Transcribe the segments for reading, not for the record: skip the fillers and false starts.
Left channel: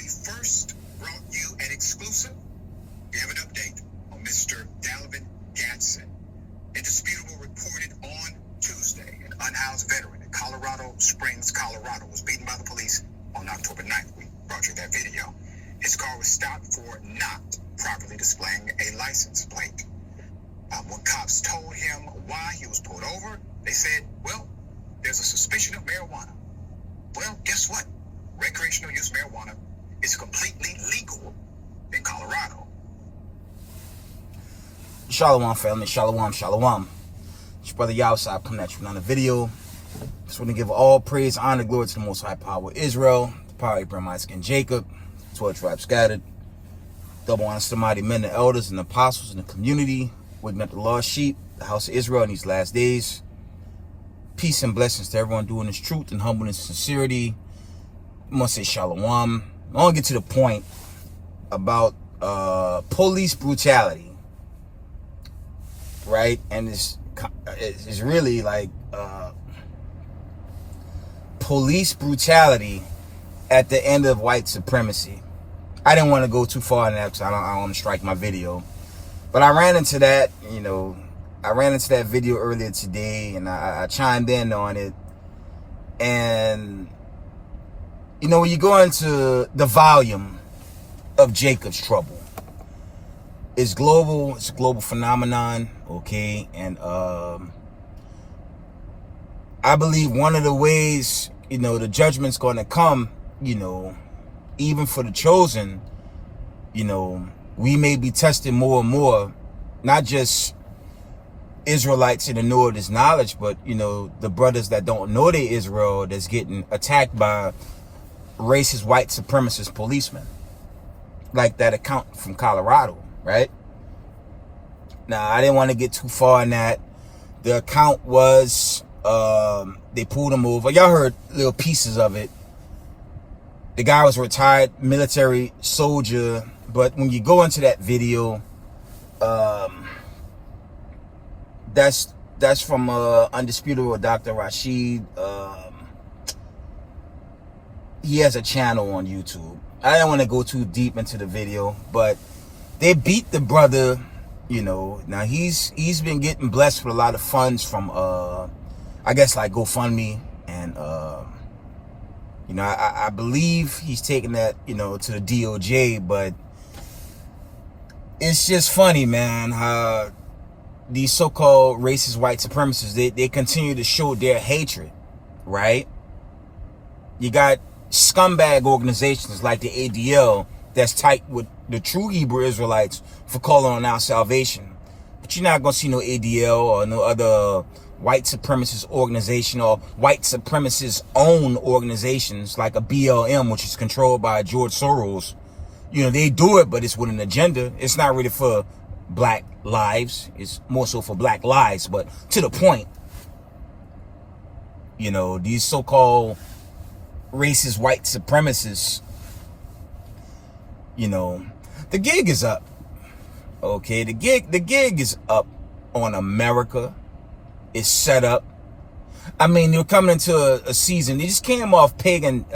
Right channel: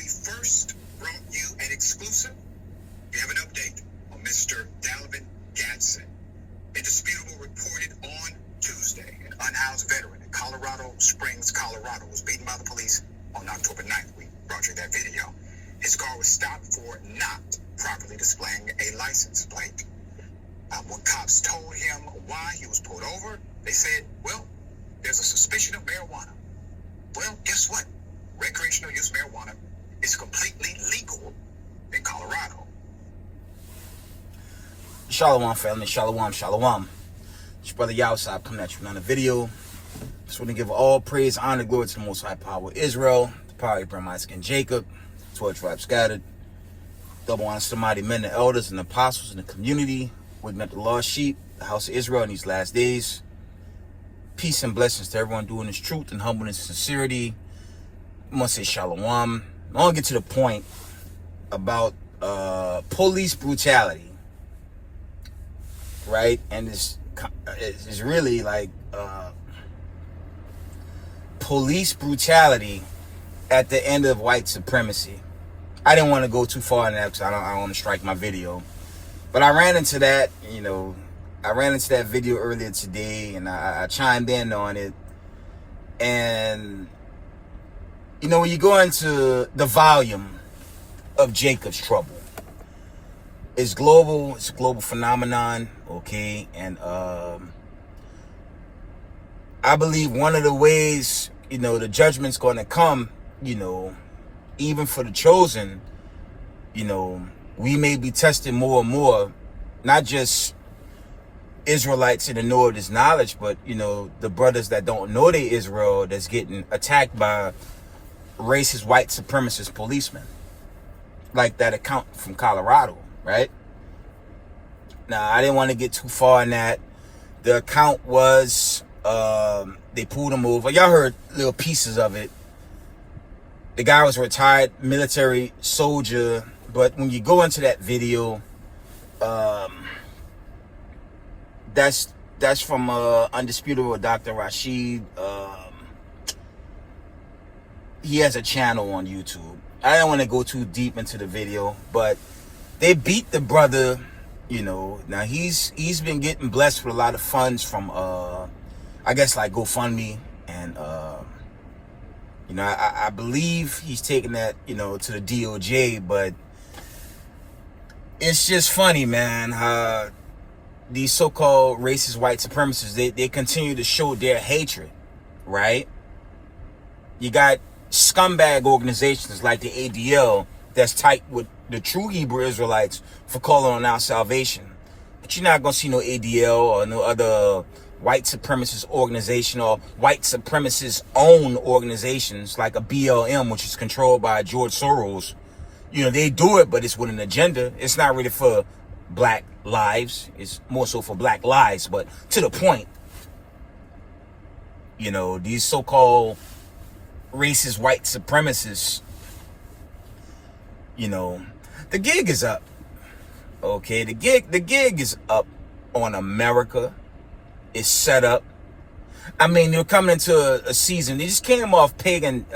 we first brought you an exclusive, we have an update on Mr. Dalvin Gadsden. Indisputable reported on Tuesday, an unhoused veteran in Colorado Springs, Colorado, was beaten by the police on October 9th. We brought you that video. His car was stopped for not properly displaying a license plate. When cops told him why he was pulled over, they said, well, there's a suspicion of marijuana. Well, guess what? Recreational use marijuana is completely legal in Colorado. Shalom, family. Shalom, shalom. It's your brother Yahusab coming at you with another video. Just want to give all praise, honor, glory to the Most High Power of Israel, the power of Abraham, Isaac, and Jacob, 12 tribes scattered. Double honor to the mighty men, the elders, and the apostles in the community, waking up the lost sheep, the house of Israel in these last days. Peace and blessings to everyone doing this truth and humbleness and sincerity. I must say shalom. I want to get to the point about police brutality. Right? And it's really like police brutality at the end of white supremacy. I didn't want to go too far in that because I don't want to strike my video. But I ran into that, I ran into that video earlier today, and I chimed in on it. And, when you go into the volume of Jacob's trouble, it's global. It's a global phenomenon, okay? And I believe one of the ways, the judgment's going to come, even for the chosen, we may be tested more and more, not just Israelites in the know of this knowledge, but, the brothers that don't know they Israel that's getting attacked by racist white supremacist policemen, like that account from Colorado. Right? Now, I didn't want to get too far in that. The account was, they pulled him over. Y'all heard little pieces of it. The guy was a retired military soldier. But when you go into that video, that's from Undisputable Dr. Rashid. He has a channel on YouTube. I didn't want to go too deep into the video, but they beat the brother, Now he's been getting blessed with a lot of funds from I guess like GoFundMe, and I believe he's taking that, to the DOJ, but it's just funny, man, how these so-called racist white supremacists, they continue to show their hatred, right? You got scumbag organizations like the ADL that's tight with the true Hebrew Israelites for calling on our salvation. But you're not going to see no ADL or no other white supremacist organization or white supremacist owned organizations like a BLM, which is controlled by George Soros. They do it, but it's with an agenda. It's not really for black lives. It's more so for black lives. But to the point, these so-called racist white supremacists, the gig is up. Okay, the gig is up on America. It's set up. I mean, they're coming into a season. They just came off pagan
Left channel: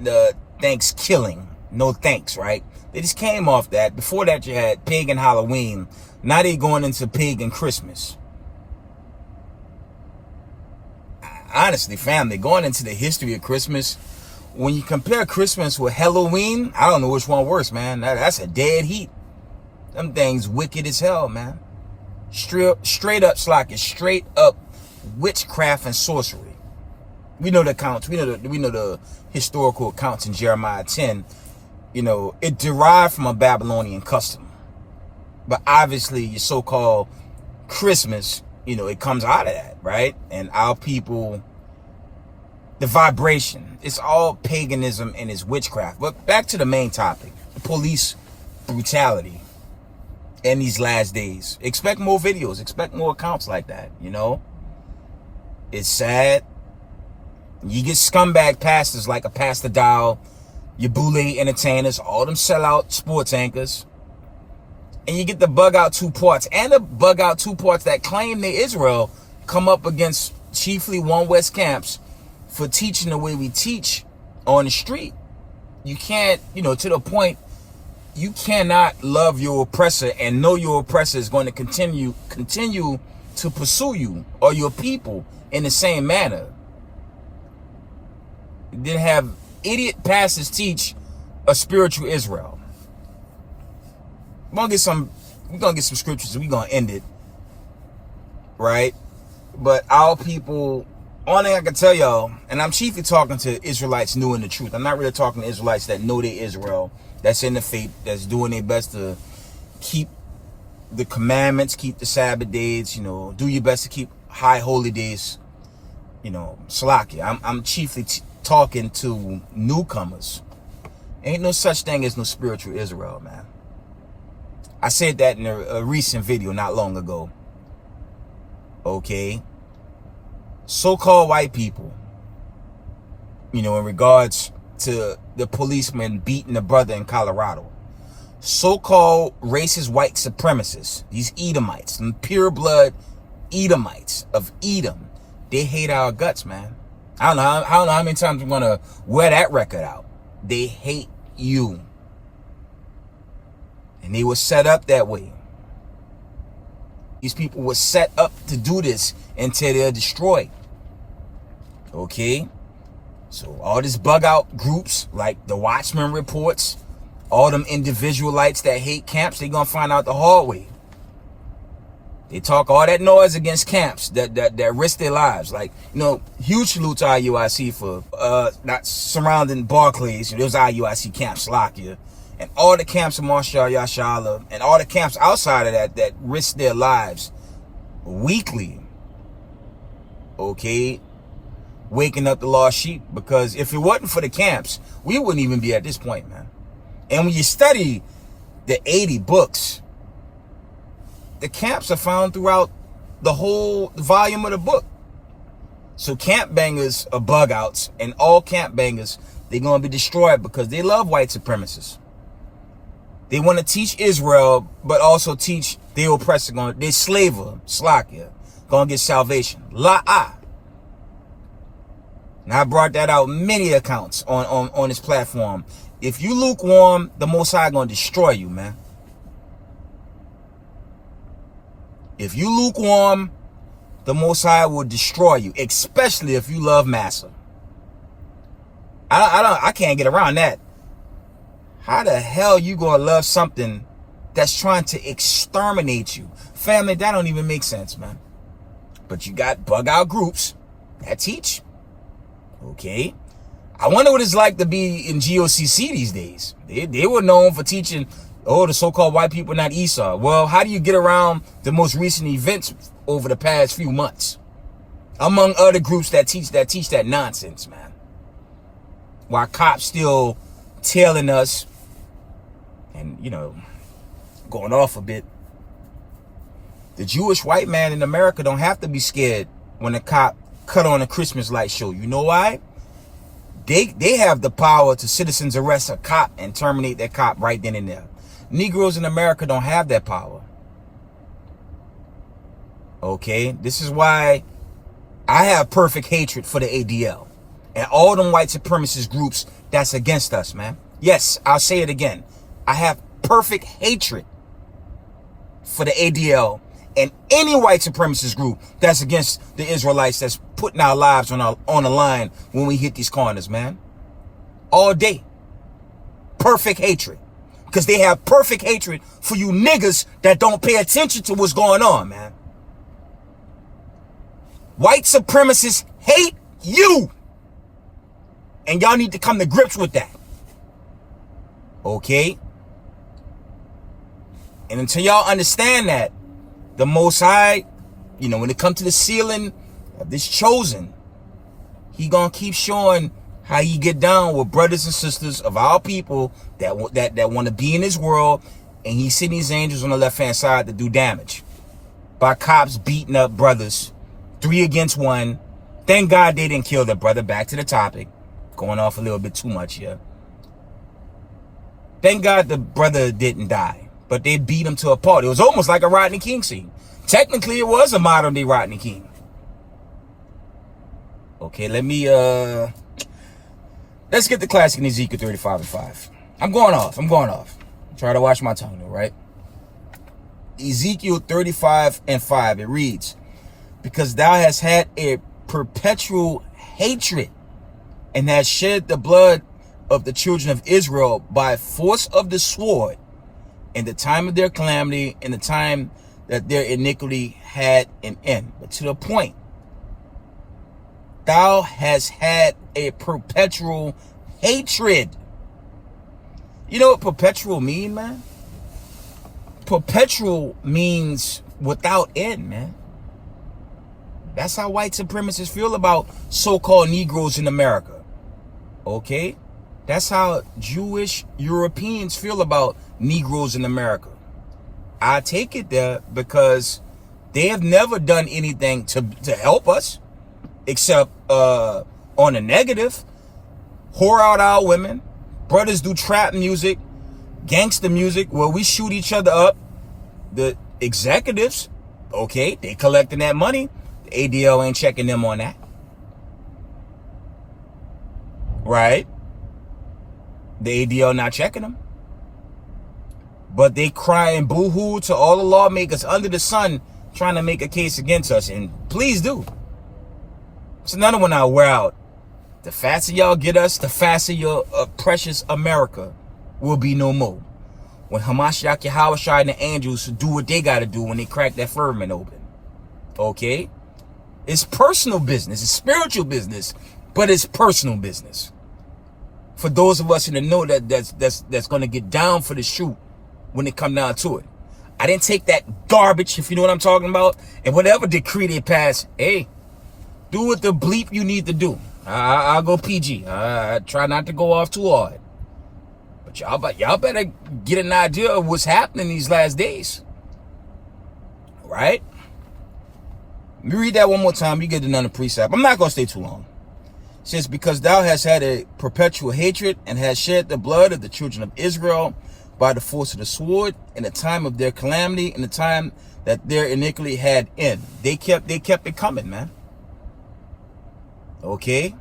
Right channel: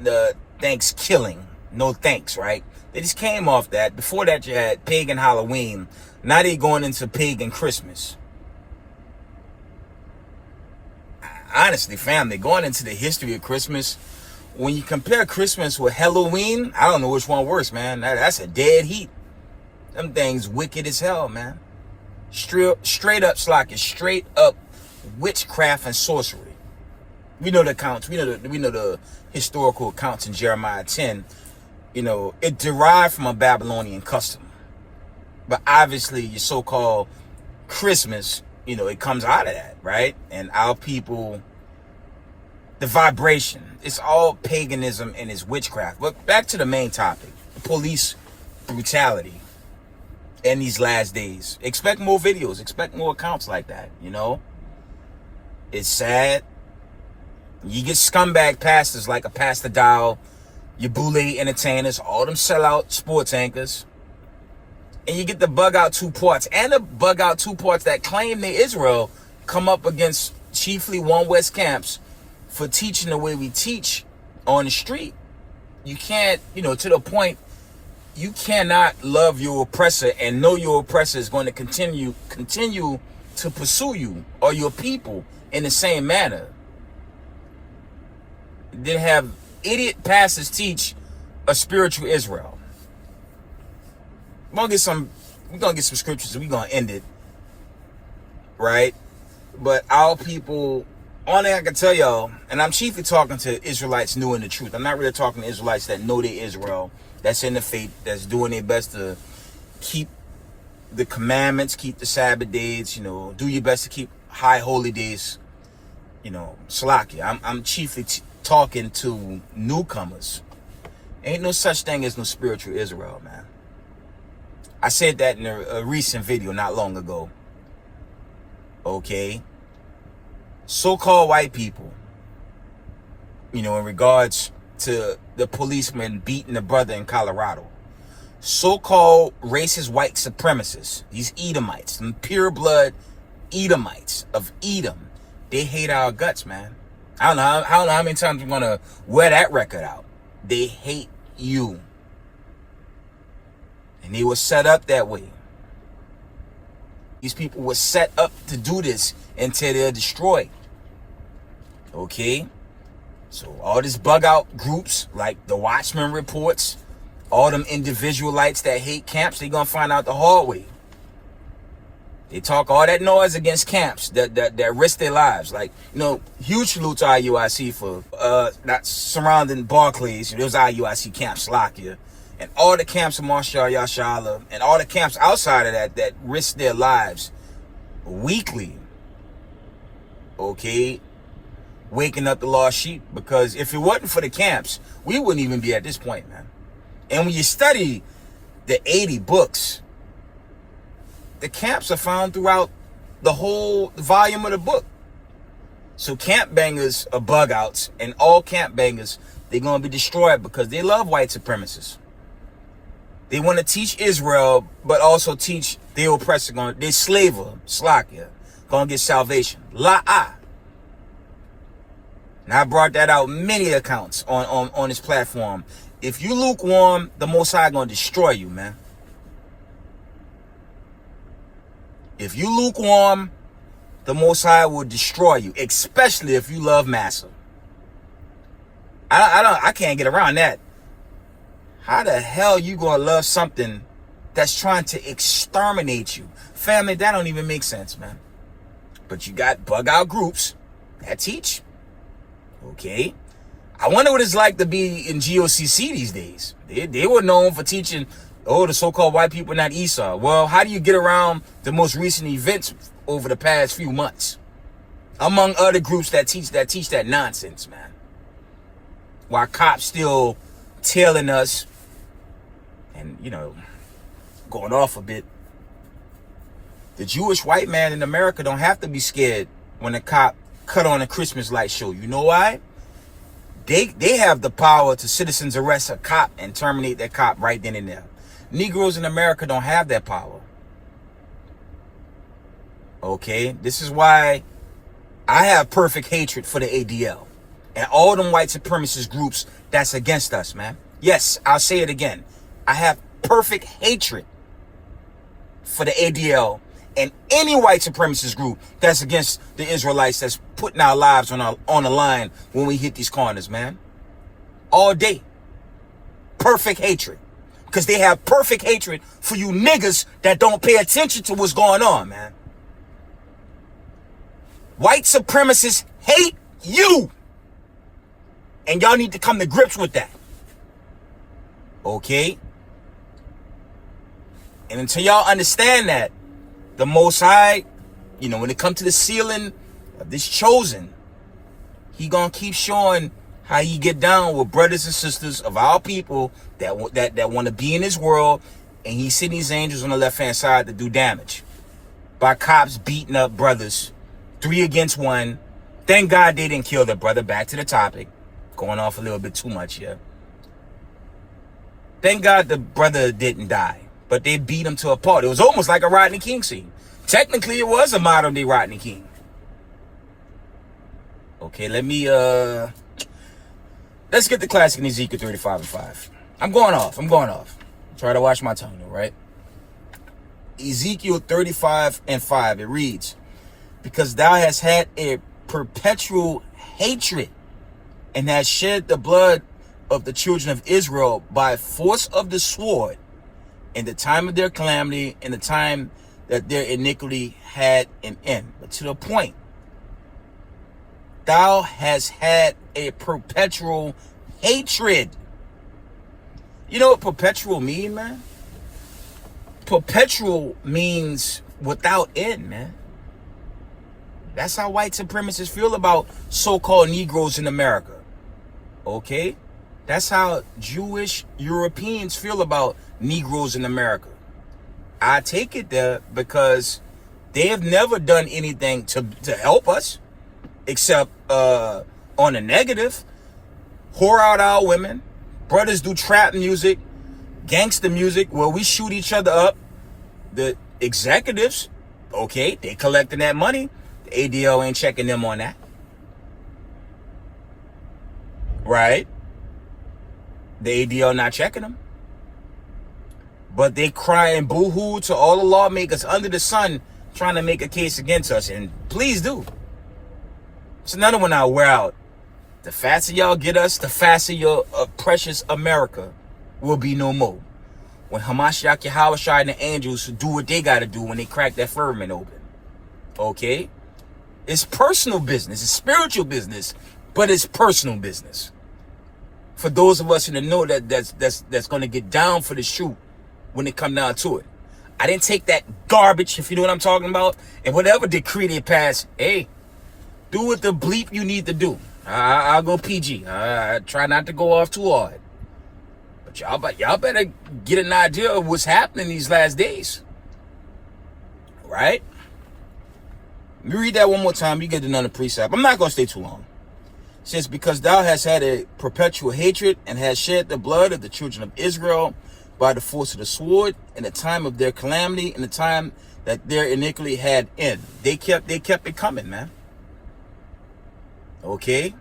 the Thanksgiving. No thanks, right? They just came off that. Before that, you had pagan Halloween. Now they're going into pagan Christmas. Honestly, family, going into the history of Christmas, when you compare Christmas with Halloween, I don't know which one worse, man. That's a dead heat. Them things wicked as hell, man. Straight up slacking, straight up witchcraft and sorcery. We know the accounts. We know the historical accounts in Jeremiah 10. It derived from a Babylonian custom. But obviously, your so-called Christmas, it comes out of that, right? And our people, the vibration, it's all paganism and it's witchcraft. But back to the main topic, police brutality in these last days. Expect more videos, expect more accounts like that, It's sad. You get scumbag pastors like a Pastor Dow, your boule entertainers, all them sellout sports anchors. And you get the bug out two parts and the bug out two parts that claim they Israel come up against chiefly One West camps for teaching the way we teach on the street. you can't, to the point, you cannot love your oppressor and know your oppressor is going to continue to pursue you or your people in the same manner. Then have idiot pastors teach a spiritual Israel. We're gonna get some scriptures and we're gonna end it. Right? But our people, only I can tell y'all, and I'm chiefly talking to Israelites new in the truth. I'm not really talking to Israelites that know they Israel, that's in the faith, that's doing their best to keep the commandments, keep the Sabbath days, do your best to keep high holy days, Salakia. I'm chiefly talking to newcomers. Ain't no such thing as no spiritual Israel, man. I said that in a recent video not long ago. Okay? So-called white people, in regards to the policeman beating a brother in Colorado. So-called racist white supremacists, these Edomites, some pure blood Edomites of Edom, they hate our guts, man. I don't know how many times I'm going to wear that record out. They hate you. And they were set up that way. These people were set up to do this until they're destroyed. Okay? So all these bug out groups like the Watchmen reports, all them individualites that hate camps, they gonna find out the hard way. They talk all that noise against camps that risk their lives. Like, huge salute to IUIC for not surrounding Barclays. There was IUIC Camp Slovakia. And all the camps in Marshall, Yashala, and all the camps outside of that risk their lives weekly. Okay? Waking up the lost sheep. Because if it wasn't for the camps, we wouldn't even be at this point, man. And when you study the 80 books, the camps are found throughout the whole volume of the book. So camp bangers are bug outs, and all camp bangers, they're going to be destroyed because they love white supremacists. They want to teach Israel, but also teach their oppressor, their slaver, Slakia, going to get salvation. La'ah. And I brought that out many accounts on this platform. If you lukewarm, the Most High going to destroy you, man. If you lukewarm, the Most High will destroy you, especially if you love Massa. I can't get around that. How the hell you gonna love something that's trying to exterminate you? Family, that don't even make sense, man. But you got bug out groups that teach. Okay. I wonder what it's like to be in GOCC these days. They were known for teaching, the so-called white people not Esau. Well, how do you get around the most recent events over the past few months? Among other groups that teach that nonsense, man. While cops still tailing us and, going off a bit. The Jewish white man in America don't have to be scared when a cop cut on a Christmas light show. You know why? They have the power to citizens arrest a cop and terminate that cop right then and there. Negroes in America don't have that power. Okay? This is why I have perfect hatred for the ADL and all them white supremacist groups that's against us, man. Yes, I'll say it again. I have perfect hatred for the ADL and any white supremacist group that's against the Israelites, that's putting our lives on the line when we hit these corners, man. All day. Perfect hatred. Because they have perfect hatred for you niggas that don't pay attention to what's going on, man. White supremacists hate you. And y'all need to come to grips with that. Okay? And until y'all understand that, the Most High, when it comes to the sealing of this chosen, he gonna keep showing how he get down with brothers and sisters of our people that want to be in his world, and he's sending these angels on the left-hand side to do damage. By cops beating up brothers, 3 against 1. Thank God they didn't kill the brother. Back to the topic. Going off a little bit too much here. Thank God the brother didn't die, but they beat him to a pulp. It was almost like a Rodney King scene. Technically, it was a modern-day Rodney King. Okay, let me Let's get the classic in Ezekiel 35:5. I'm going off. Try to watch my tongue though, right? Ezekiel 35:5. It reads, because thou hast had a perpetual hatred and hast shed the blood of the children of Israel by force of the sword in the time of their calamity, in the time that their iniquity had an end. But to the point, thou hast had a perpetual hatred. You know what perpetual mean, man? Perpetual means without end, man. That's how white supremacists feel about so-called Negroes in America. Okay? That's how Jewish Europeans feel about Negroes in America. I take it there because they have never done anything to help us except on the negative. Whore out our women. Brothers do trap music, gangster music where we shoot each other up. The executives, okay, they collecting that money. The ADL ain't checking them on that. Right? The ADL not checking them. But they cry and boo-hoo to all the lawmakers under the sun trying to make a case against us. And please do. It's another one I'll wear out. The faster y'all get us, the faster your precious America will be no more. When Hamashiach Yahawashai and the angels do what they got to do when they crack that firmament open. Okay? It's personal business. It's spiritual business. But it's personal business. For those of us in the know that's going to get down for the shoot when it come down to it. I didn't take that garbage, if you know what I'm talking about. And whatever decree they pass, hey, do what the bleep you need to do. I'll go PG. I try not to go off too hard. But y'all better get an idea of what's happening these last days. Right? Let me read that one more time. You get another precept. I'm not going to stay too long. It says, because thou hast had a perpetual hatred and hast shed the blood of the children of Israel by the force of the sword in the time of their calamity, in the time that their iniquity had end. They kept it coming, man. Okay?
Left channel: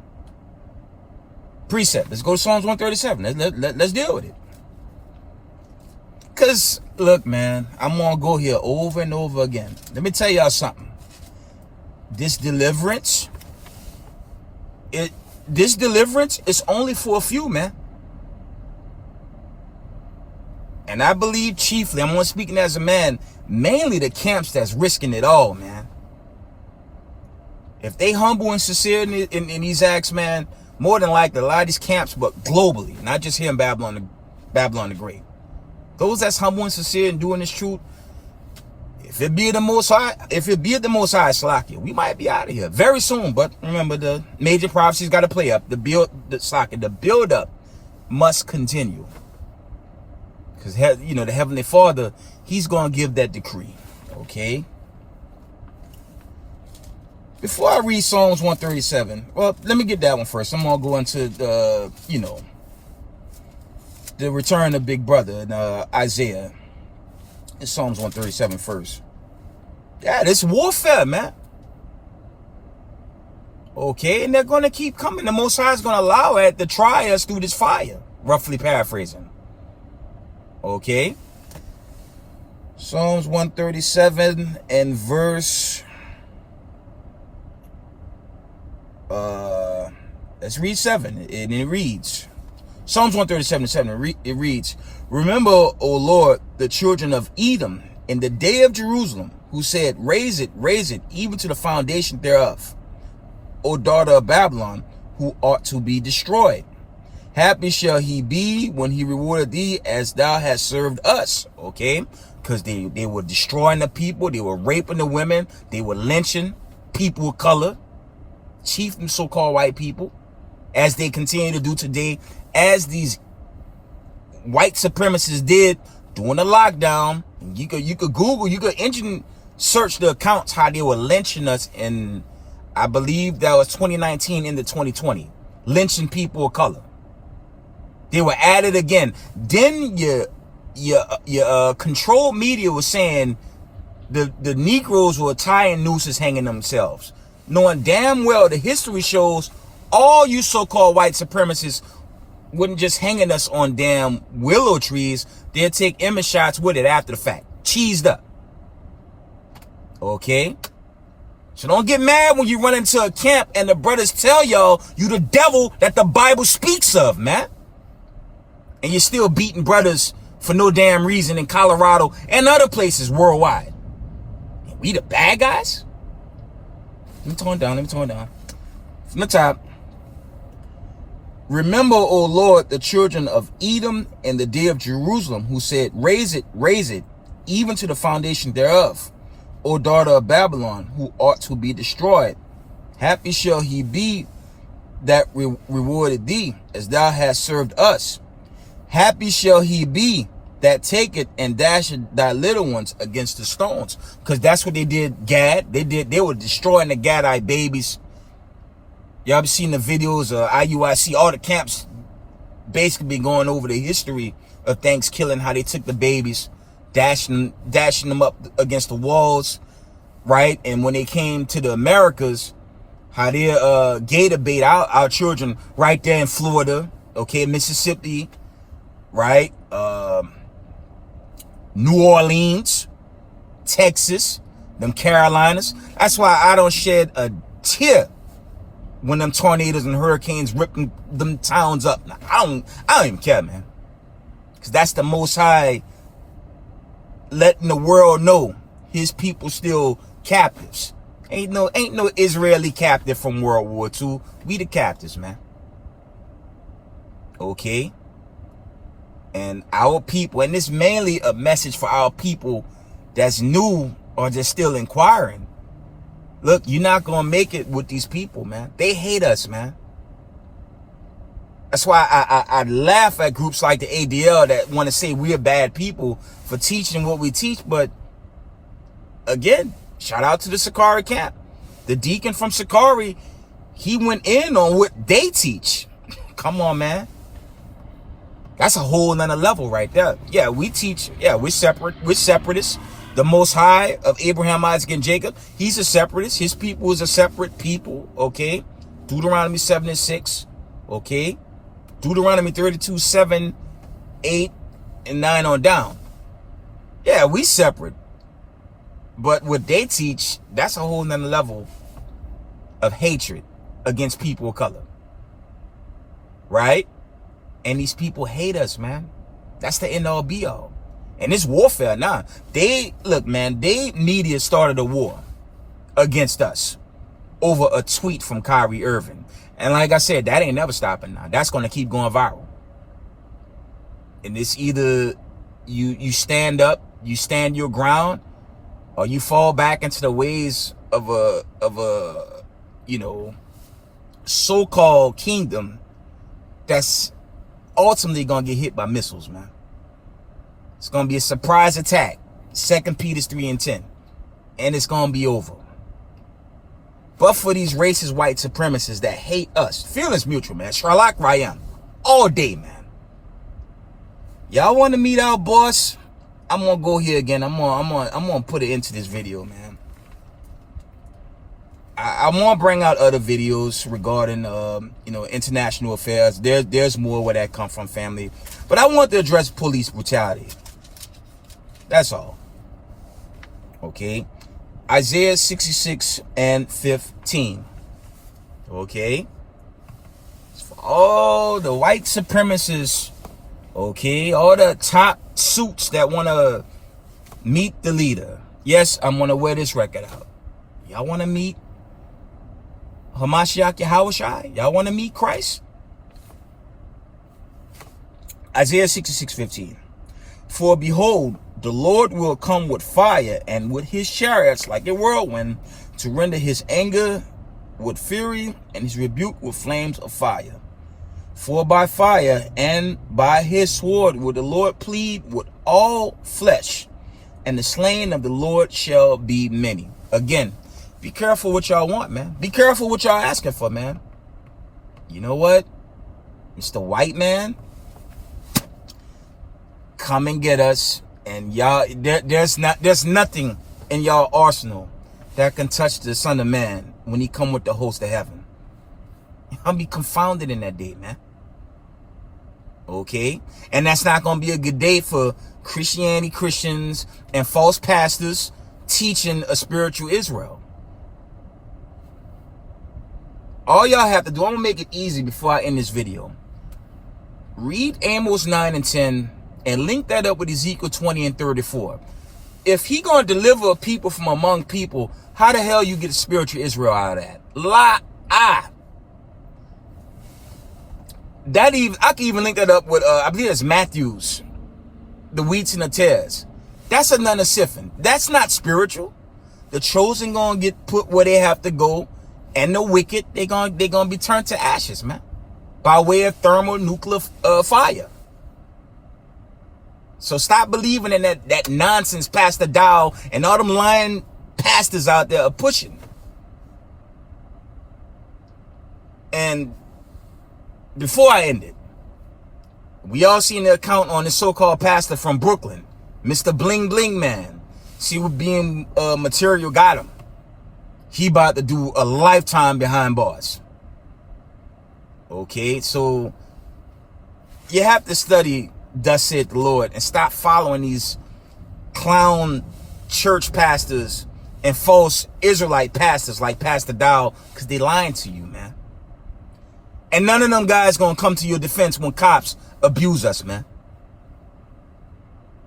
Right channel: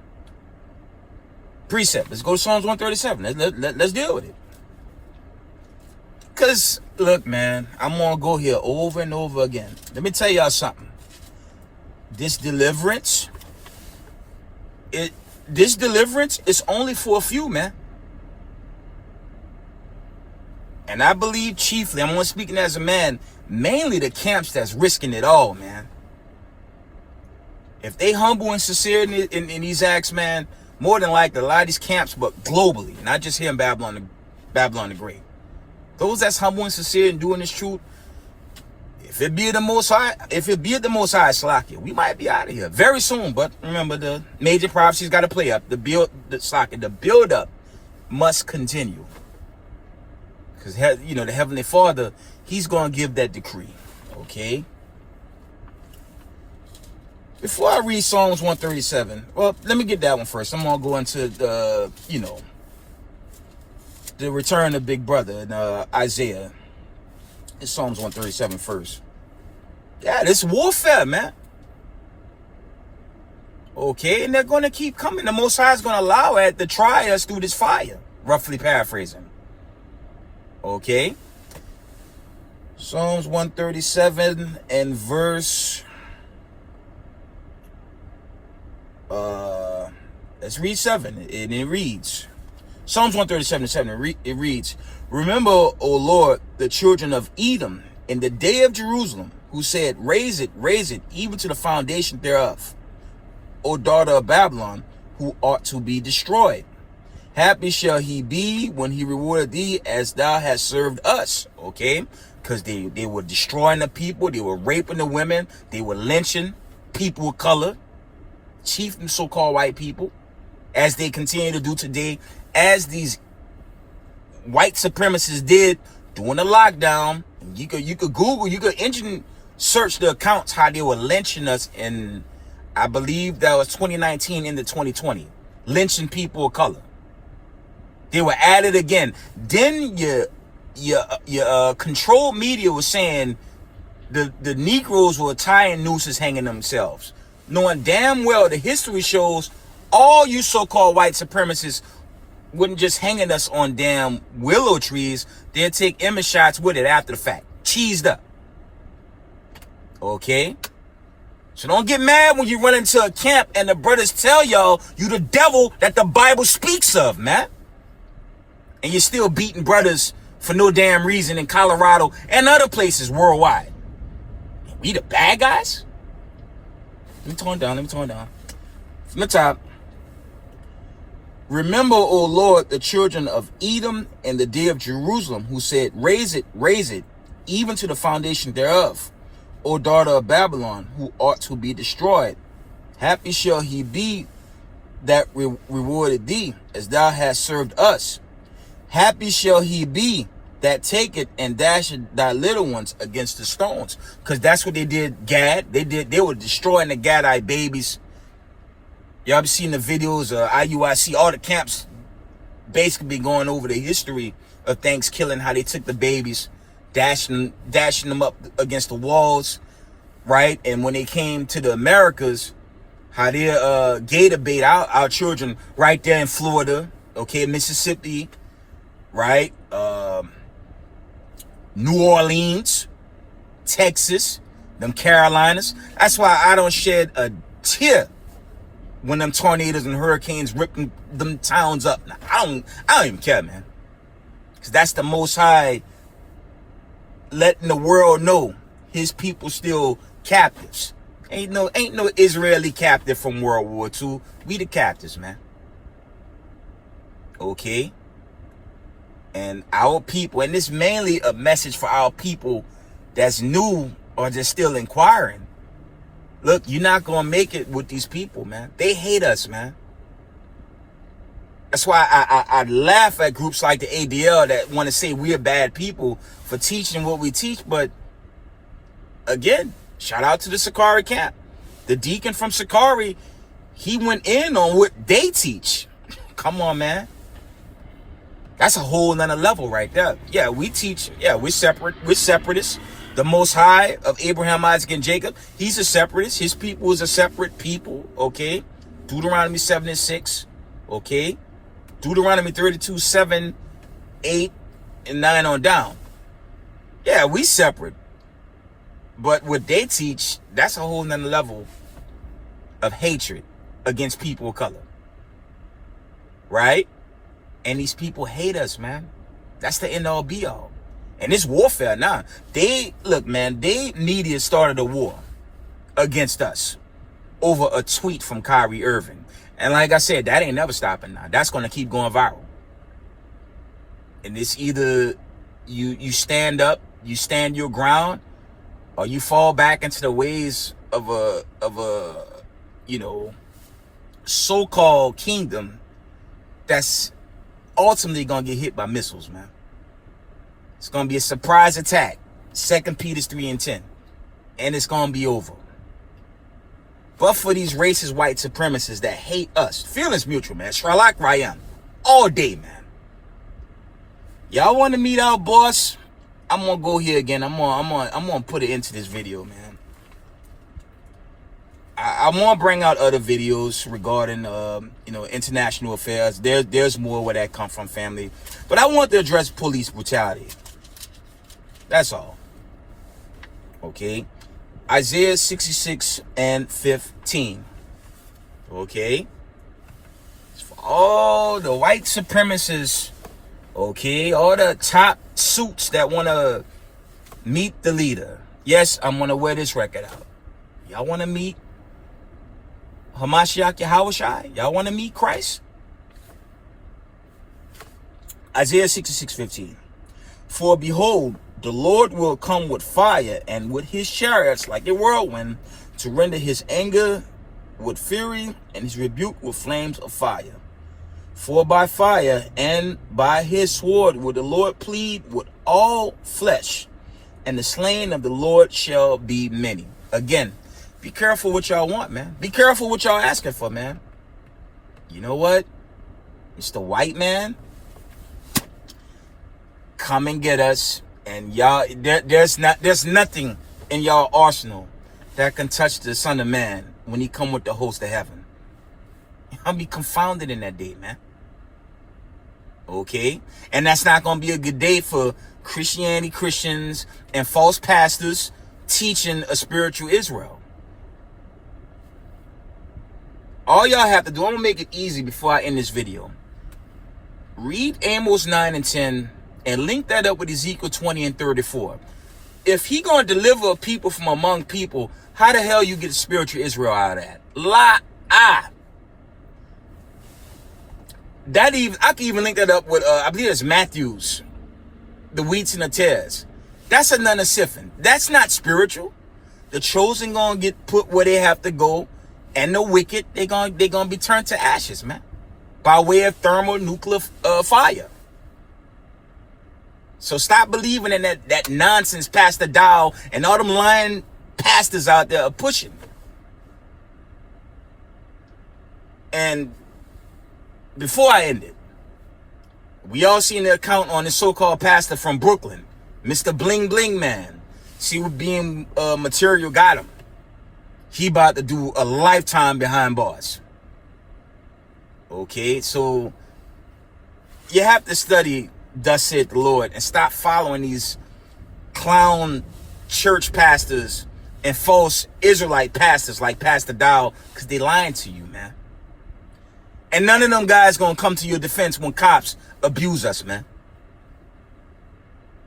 Precept. Let's go to Psalms 137. Let's deal with it. Because, look, man, I'm going to go here over and over again. Let me tell y'all something. This deliverance is only for a few, man. And I believe chiefly, I'm only speaking as a man, mainly the camps that's risking it all, man. If they humble and sincere in these acts, man, more than likely a lot of these camps, but globally, not just here in Babylon the Great. Those that's humble and sincere and doing this truth, if it be the Most High, Slakia, we might be out of here very soon. But remember, the major prophecies got to play up. The build up must continue. Because, the Heavenly Father, He's going to give that decree. Okay? Before I read Psalms 137, well, let me get that one first. I'm going to go into the return of Big Brother in Isaiah. It's Psalms 137 first. Yeah, this warfare, man. Okay, and they're going to keep coming. The Most High is going to allow it to try us through this fire. Roughly paraphrasing. Okay. Psalms 137 and verse... let's read 7. And it reads... Psalms 137:7. It reads, remember, O Lord, the children of Edom in the day of Jerusalem, who said, raise it, even to the foundation thereof. O daughter of Babylon, who ought to be destroyed. Happy shall he be when he rewarded thee as thou hast served us. Okay? Because they were destroying the people. They were raping the women. They were lynching people of color. Chief and so-called white people. As they continue to do today. As these white supremacists did during the lockdown. You could Google, you could engine search the accounts how they were lynching us in, I believe that was 2019 into 2020. Lynching people of color. They were at it again. Then your controlled media was saying the Negroes were tying nooses hanging themselves. Knowing damn well the history shows all you so-called white supremacists wouldn't just hanging us on damn willow trees. They'd take image shots with it after the fact. Cheesed up. Okay? So don't get mad when you run into a camp and the brothers tell y'all you the devil that the Bible speaks of, man. And you're still beating brothers for no damn reason in Colorado and other places worldwide. We the bad guys? Let me tone down. From the top. Remember, O Lord, the children of Edom and the day of Jerusalem, who said, raise it, even to the foundation thereof. O daughter of Babylon, who ought to be destroyed. Happy shall he be that rewarded thee, as thou hast served us. Happy shall he be that taketh and dasheth thy little ones against the stones. Because that's what they did, Gad. They were destroying the Gadite babies. Y'all be seeing the videos of IUIC, all the camps basically be going over the history of Thanksgiving, how they took the babies, dashing them up against the walls, right? And when they came to the Americas, how they gator bait our children right there in Florida, okay, Mississippi, right? New Orleans, Texas, them Carolinas. That's why I don't shed a tear when them tornadoes and hurricanes ripping them towns up. Now, I don't even care, man. Because that's the Most High letting the world know his people still captives. Ain't no Israeli captive from World War II. We the captives, man. Okay? And our people, and this mainly a message for our people that's new or just still inquiring. Look, you're not going to make it with these people, man. They hate us, man. That's why I laugh at groups like the ADL that want to say we're bad people for teaching what we teach. But again, shout out to the Sakari camp. The deacon from Sakari, he went in on what they teach. Come on, man. That's a whole nother level right there. Yeah, we teach. Yeah, we're separate. We're separatists. The Most High of Abraham, Isaac, and Jacob, he's a separatist. His people is a separate people, okay? Deuteronomy 7 and 6, okay? Deuteronomy 32, 7, 8, and 9 on down. Yeah, we separate. But what they teach, that's a whole nother level of hatred against people of color. Right? And these people hate us, man. That's the end all be all. And it's warfare now. Look, man, they media started a war against us over a tweet from Kyrie Irving. And like I said, that ain't never stopping now. That's going to keep going viral. And it's either you stand up, you stand your ground, or you fall back into the ways of a so-called kingdom that's ultimately going to get hit by missiles, man. It's going to be a surprise attack. 2 Peter 3 and 10. And it's going to be over. But for these racist white supremacists that hate us, feelings mutual, man. Sherlock Ryan. All day, man. Y'all want to meet our boss? I'm going to go here again. I'm going to put it into this video, man. I want to bring out other videos regarding, international affairs. There's more where that come from, family. But I want to address police brutality. That's all. Okay. Isaiah 66 and 15. Okay. For all the white supremacists, okay, all the top suits that want to meet the leader. Yes, I'm going to wear this record out. Y'all want to meet Hamashiach Yahushua? Y'all want to meet Christ? Isaiah 66:15. For behold, the Lord will come with fire, and with his chariots like a whirlwind, to render his anger with fury, and his rebuke with flames of fire. For by fire and by his sword will the Lord plead with all flesh, and the slain of the Lord shall be many. Again, be careful what y'all want, man. Be careful what y'all asking for, man. You know what? It's the white man. Come and get us. And y'all, there's nothing in y'all arsenal that can touch the Son of Man when he come with the host of heaven. I'll be confounded in that day, man. Okay? And that's not going to be a good day for Christians and false pastors teaching a spiritual Israel. All y'all have to do, I'm going to make it easy before I end this video. Read Amos 9 and 10 and link that up with Ezekiel 20 and 34. If he going to deliver people from among people, how the hell you get spiritual Israel out of that? I can even link that up with, I believe it's Matthews, the wheats and the tares. That's another siphon. That's not spiritual. The chosen gonna get put where they have to go, and the wicked they gonna be turned to ashes, man, by way of thermonuclear fire. So stop believing in that nonsense Pastor Dow and all them lying pastors out there are pushing. And before I end it, we all seen the account on this so-called pastor from Brooklyn, Mr. Bling Bling Man. See what being material got him. He about to do a lifetime behind bars. Okay, so you have to study thus saith the Lord and stop following these clown church pastors and false Israelite pastors like Pastor Dow, because they lying to you, man. And none of them guys gonna come to your defense when cops abuse us, man.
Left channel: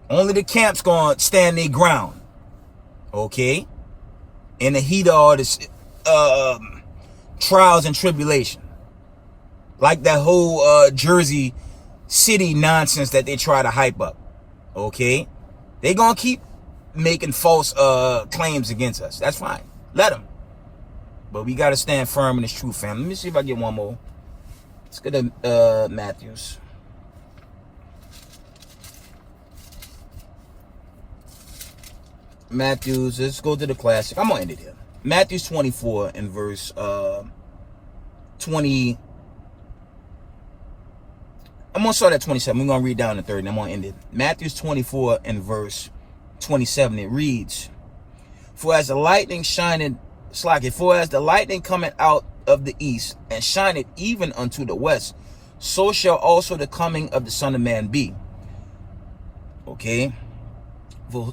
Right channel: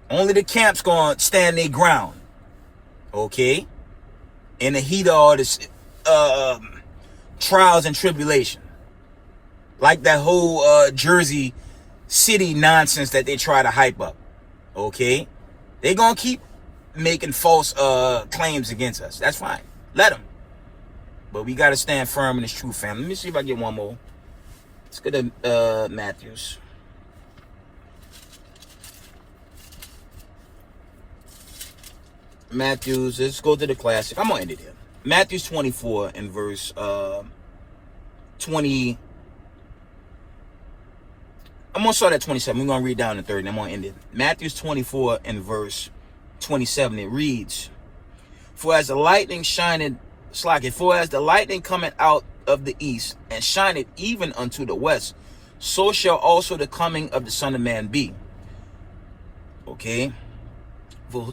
Only the camps gonna stand their ground, okay? In the heat of all this trials and tribulation, like that whole Jersey City nonsense that they try to hype up, okay? They gonna keep making false claims against us. That's fine. Let them. But we gotta stand firm in this truth, fam. Let me see if I get one more. Let's go to Matthews. Let's go to the classic. I'm gonna end it here. Matthews 24 and verse 20. I'm gonna start at 27. We're gonna read down to 30 and I'm gonna end it. Matthews 24 and verse 27. It reads, For as the lightning cometh out of the east, and shineth even unto the west, so shall also the coming of the Son of Man be. Okay? For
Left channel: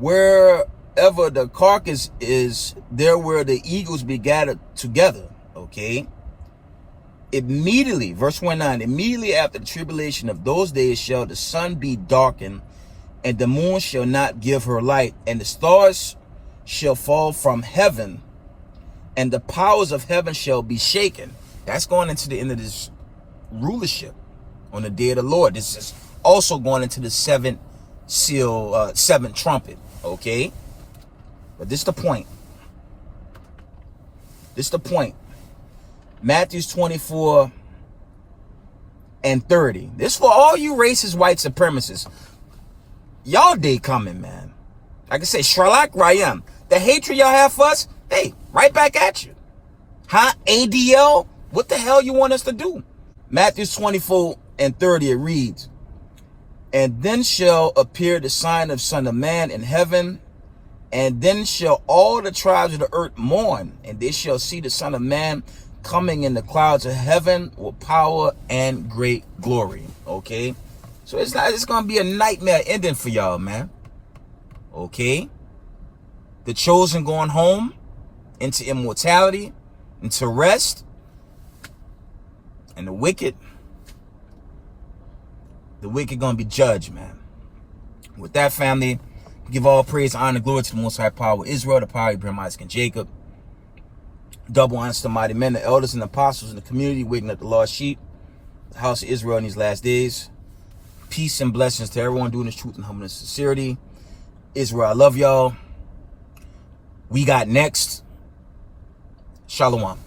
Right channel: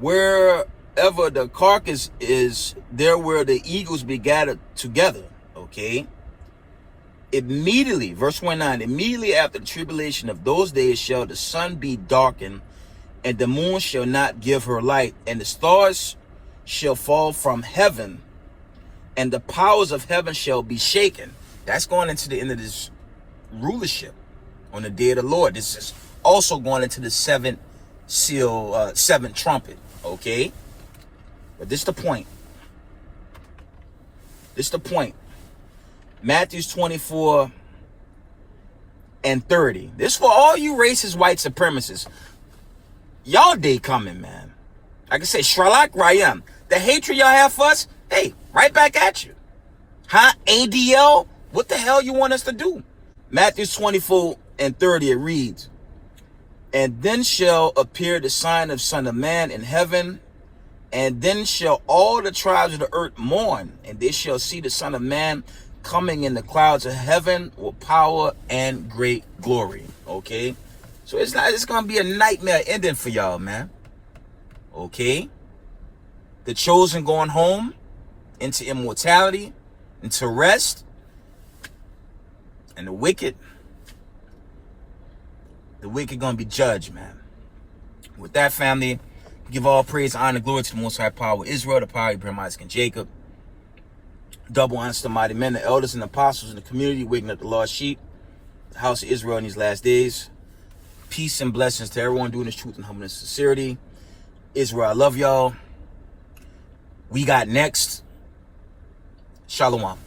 wherever the carcass is, there will the eagles be gathered together. Okay? Immediately, verse 29, immediately after the tribulation of those days shall the sun be darkened, and the moon shall not give her light, and the stars shall fall from heaven, and the powers of heaven shall be shaken. That's going into the end of this rulership on the day of the Lord. This is also going into the seventh seal, seventh trumpet. Okay? But this is the point. Matthews 24 and 30. This for all you racist white supremacists. Y'all day coming, man. Like I say, Sherlock Rayam. The hatred y'all have for us, hey, right back at you. Huh? ADL? What the hell you want us to do? Matthew 24 and 30, it reads, And then shall appear the sign of Son of Man in heaven, and then shall all the tribes of the earth mourn, and they shall see the Son of Man coming in the clouds of heaven with power and great glory. Okay? So it's going to be a nightmare ending for y'all, man. Okay? The chosen going home into immortality, into rest, and the wicked gonna be judged, man. With that, family, we give all praise, honor, glory to the Most High Power, Israel, the power of Abraham, Isaac, and Jacob. Double honor to the mighty men, the elders and the apostles in the community, waking up the lost sheep, the house of Israel in these last days. Peace and blessings to everyone doing this truth and humbleness and sincerity. Israel, I love y'all. We got next. Shalom.